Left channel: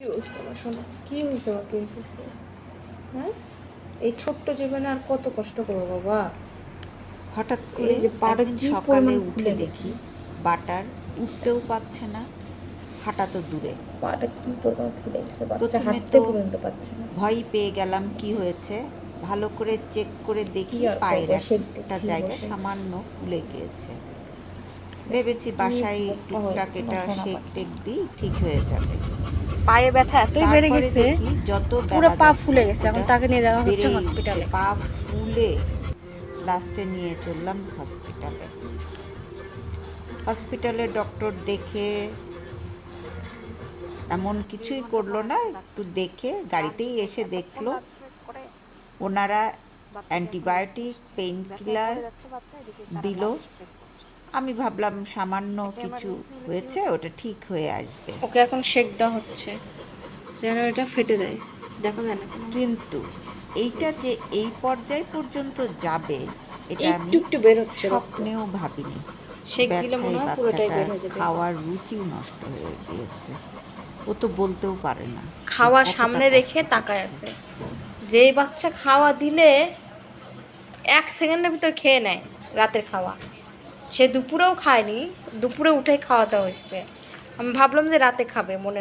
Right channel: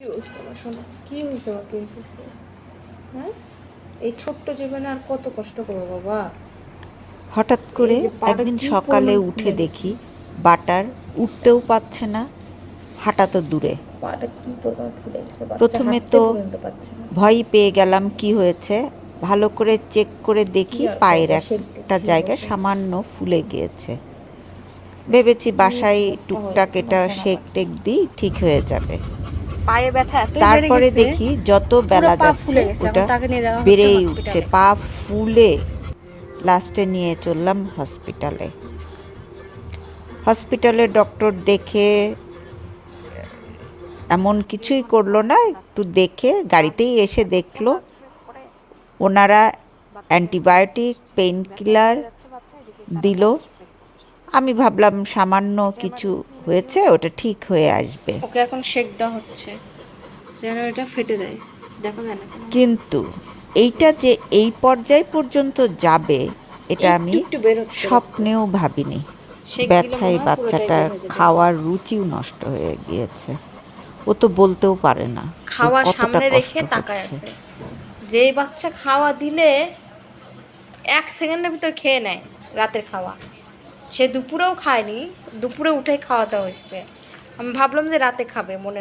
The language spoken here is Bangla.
কি হয়েছে আমার শোনো, কি হয়েছে আমার প্রিন্সেসে? হ্যাঁ, এই ছোট্ট জীবনে আর কত কষ্ট করবো বাবা। হঠাৎ করে এই যে পাটা একদিন কি সকালে পরিমাণ উঠে ফুলে গেছে, দেখি বাটার উঠতেও পারছে না, হাঁটা তো দূরে। পাটা কি পরিমাণ ফুলে গেছে, বাচ্চা প্রথমে হাঁটতে তো পর্যন্ত পারছে না। ভয় পেয়ে গেলাম, কি হয়েছে। ভালো করে চেক করে কি দেখি আর পায়ের করবো, সেক একটা দেখছি জায়গায় বসে। সামান্য ফুলে গিয়েছে। ভেবেছি কি বাসায় মোটা হয়ে টুকটাক গেছে এটা আমার সোনা শেক পাটা। টেক দিই, ঠিক হয়ে যাবে। পায়ে ব্যথা এতই বেড়ে তারপরে গেছে, দেখি যত পুরো বেলা পা যাচ্ছে ফুলে গেছে। এখন ওটা তাকে নিয়ে যাওয়া হচ্ছে বেড়েই উঠছে, হসপিটালে। পা ফুলে লাস্টে নিয়ে চললাম হসপিটালে। হসপিটালে ডক্টর দেখে এমন কিছুই করলো না, একটু দেখে গাড়িতেই এসে দেখলো। ওনারা অ্যান্টিবায়োটিক, পেইন কিলার দিল। আমি ভাবলাম সামান্য কিছু হয়েছে, ওটা ঠিক হয়ে আসবে। ওকে এখন শেক দেওয়া হচ্ছে যেন এটা ফেটে যায়, দেখা যায় না কেন। কিন্তু এইটা যে এই পর্যায় পর্যন্ত যাবে, এটা একটু আমি একটু বের হচ্ছে রক্ত, স্বপ্নেও ভাবিনি। শেক দিলে মনে ব্যথায় হয় পুরোটাই বাচ্চাটার বের হয়ে যাবে। খাওয়ার রুচিও নষ্ট হয়ে গিয়েছে। ও তো বলতেও পারে না ওর খাওয়া কতটা সামনে কষ্ট রেখে তাকায় হচ্ছে। আছে। যেই বাচ্চা খাওয়া দিলে 1 সেকেন্ডের ভিতর খেয়ে নেয় রাতের খাওয়া, সে দুপুরেও খায়নি, দুপুরে উঠে খাওয়া দাওয়া হয়েছে। আমি ভাবলাম যে রাতে খাবে মনে